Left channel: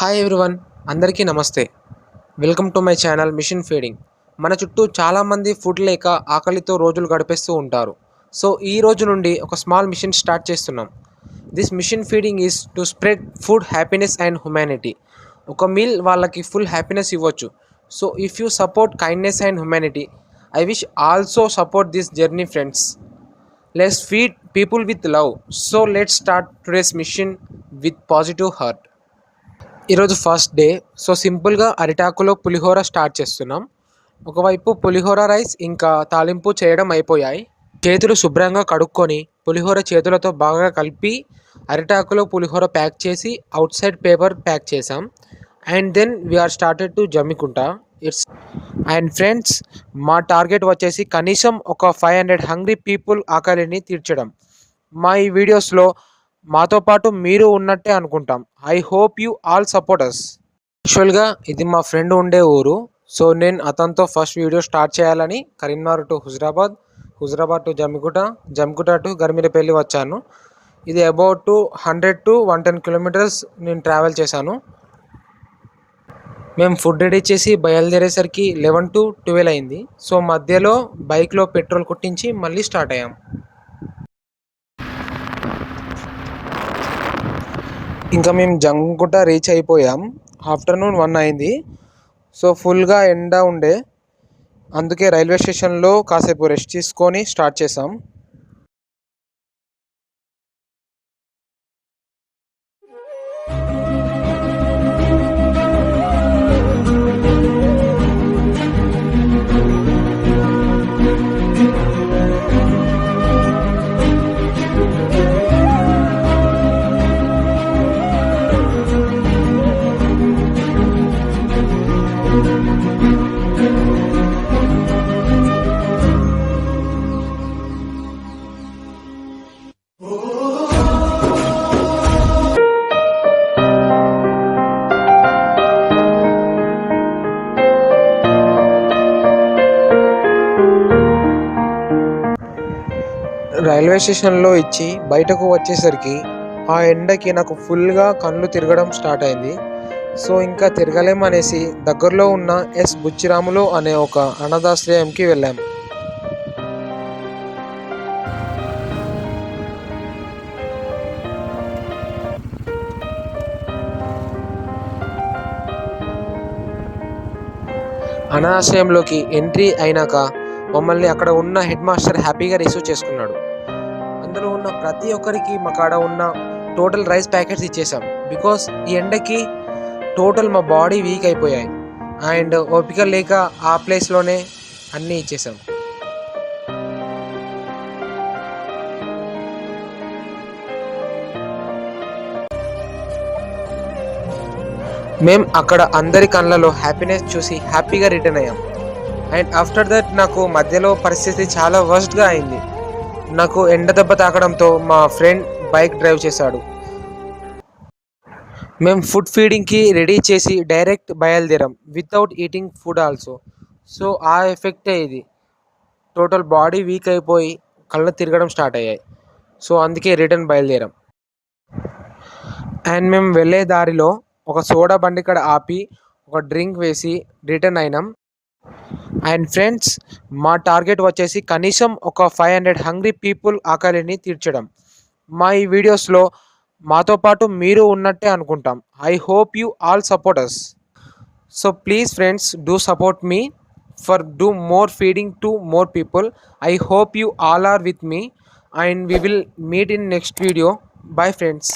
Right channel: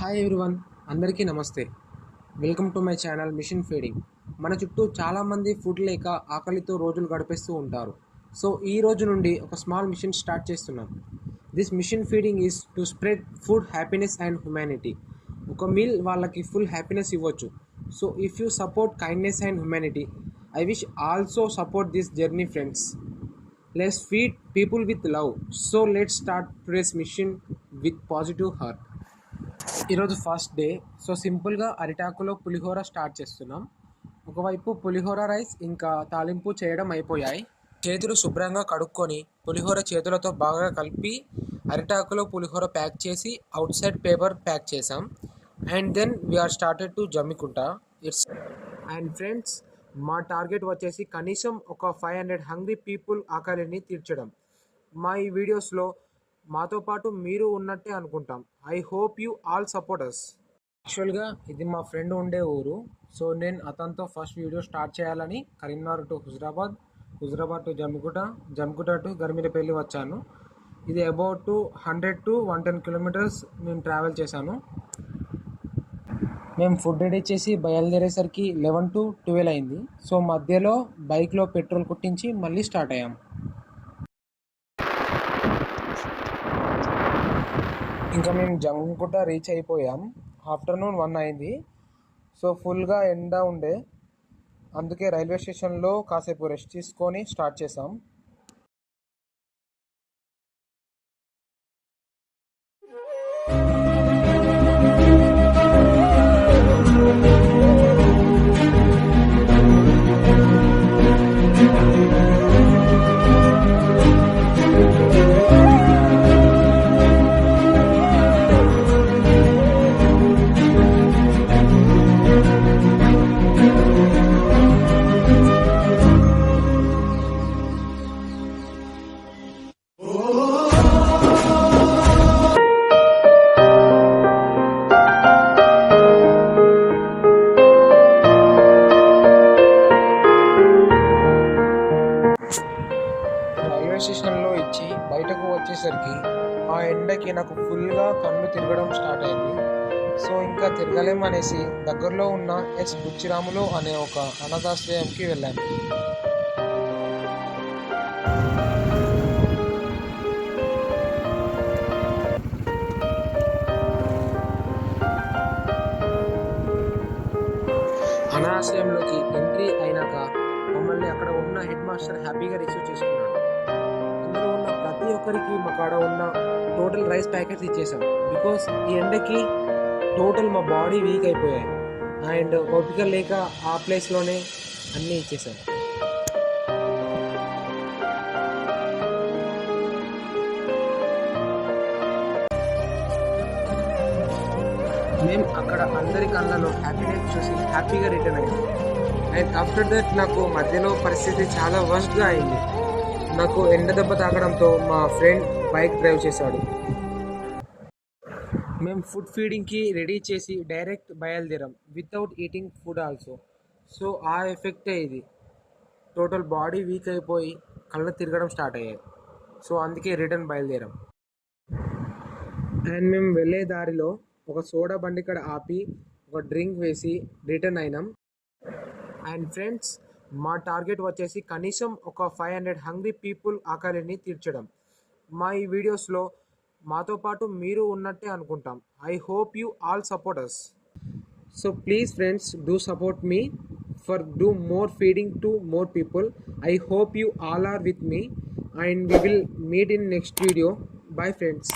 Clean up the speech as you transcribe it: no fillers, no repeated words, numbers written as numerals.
Hi everyone, అందరికీ నమస్తే. Welcome to my channel machine feeding. మన చుట్టూ చాలామంది ఫుడ్ లేక ఆకలితో రోజులు గడిపేస్తూ ఉంటారు. సో ఈ రోజు నుండి ఒక స్మాల్ మిషన్ స్టార్ట్ చేస్తున్నాం. This mission feeding is to spread food happiness and humanity. ఒక మీల్ వాళ్ళకి ఫుల్ హ్యాపీనెస్ ఇవ్వచ్చు. So if you support kindness and humanity, I wish also support this journey friends. Let's feed people with love. So let's start today's mission with positive heart. ఈరోజు first day. So సింపుల్గా అరిటాకులో పులిహోర start చేస్తున్నాం. ఒకవైపు పులిహోర rice ఇంకా తాలింపు చేయడం అయిపోయాయి. చేతులు శుభ్రంగా కడుక్కొని పులిహోర చేతులతో బాగా కలిపి అరిటాకులో పులిహోర ప్యాక్ చేసి అవుట్ సైడ్ పేపర్ ప్యాక్ చేసాం. And then we are started to Jammikunta. It's and friends, మా టార్గెట్ వచ్చేసి కనీసం ఒక 500 హంగ్రీ పీపుల్ ఆకలిని తీర్చడం. మా ఈ వీడియోస్లో మాతో పాటు మీరు ఉన్నట్టే అనుకుంటాం. I hope you all support us. యాక్చువల్గా ఇది మా ఫ్రెండ్ ఉండే ఊరు. సో నేను అతనితో ఫస్ట్ వీడియో స్టార్ట్ చేయాలని Karimnagar to Huzurabad, Huzurabad to Jammikunta to Garmirapalli వచ్చాను. ఇది అబౌట్ 100 to 110 కిలోమీటర్స్ నేను ట్రావెల్ చేశాను. మేము ఫుడ్ రెడీ చేసి బయలుదేరేసరికి 11 to 12 అయింది. సో మధ్యలో బైక్లో పెట్రోల్ కొట్టించి మళ్ళీ స్టార్ట్ అయ్యాం. ఇంకా మేము జమ్మికుంట రీచ్ అయిపోయాం. ఆఫ్టర్నూన్ 1 అయింది. సో ఫుల్గా ఎండ ఉండే, అందుకే రైల్వే స్టేషన్లో కాసేపు రెస్ట్ తీసుకొని స్టార్ట్ చేసాం. రైల్వే స్టేషన్లో ఇచ్చి బయటకు వచ్చేసరికి ఆ ఎండకి నాకు ఫుల్గా కళ్ళు తిరగడం స్టార్ట్ అయింది. సో ఇంకా తిరగలేమనేసి దగ్గరలో ఉన్న ఎస్ బుచ్చిరాములు అనే ఒక అనాథాశ్రయంకి వెళ్ళాం. అనాథాశ్రయంలోకి ఎంట్రీ అయినాక మమ్మల్ని అక్కడ ఉన్న హెడ్ మాస్టర్ హ్యాపీగా రిసీవ్ చేసుకున్నాడు. అందులో ఉన్న ప్రతి ఒక్కరికి మా కాడ ఉన్న టోటల్ రైస్ ప్యాకెట్స్ ఇచ్చేసాం. బికాస్ ఈ ఎండకి టోటల్ మా బాడీ వీక్ అయిపోయాయి అండ్ ఓపిక లేక ఆ ప్లేస్లోనే అన్నీ ఇచ్చేసాం. మేము అక్కడ అందరి కళ్ళలో హ్యాపీనెస్ చూసి హ్యాపీగా రిటర్న్ అయ్యాం. అండ్ ఆఫ్టర్ దట్ నాకు మధ్యలో పరిస్థితి చాలా వర్స్ట్గా అయింది. నాకు ఎండ దెబ్బ తాకడంతో మా ఫ్రెండ్ బైక్ డ్రైవ్ చేశాడు. మేము ఫుడ్ ఫీడింగ్కి రెడీ చేసి డైరెక్ట్ బయలుదేరాం without eating food also. So ఆ ఎఫెక్టే ఇది. టోటల్ బాడీ వీక్ అయిపోయి కళ్ళు తిరగడం స్టార్ట్ అయ్యాయి. సో అందుకే రిటర్న్ బయలుదేరాం. అండ్ మేము వెళ్ళే దారిలో ఒక సోడా బండి కాడ ఆపి ఒక డ్రింక్ వేసి రిటర్న్ అయినాం. అండ్ ఫ్రెండ్స్, మా టార్గెట్ వచ్చేసి కనీసం ఒక 500 హంగ్రీ పీపుల్ ఆకలిని తీర్చడం. మా ఈ వీడియోస్లో మాతో పాటు మీరు ఉన్నట్టే అనుకుంటాం. I hope you all support us. So please friends, do support me for do more feeding to more people. I hope you all are with me and we will meet in next video. Bye friends.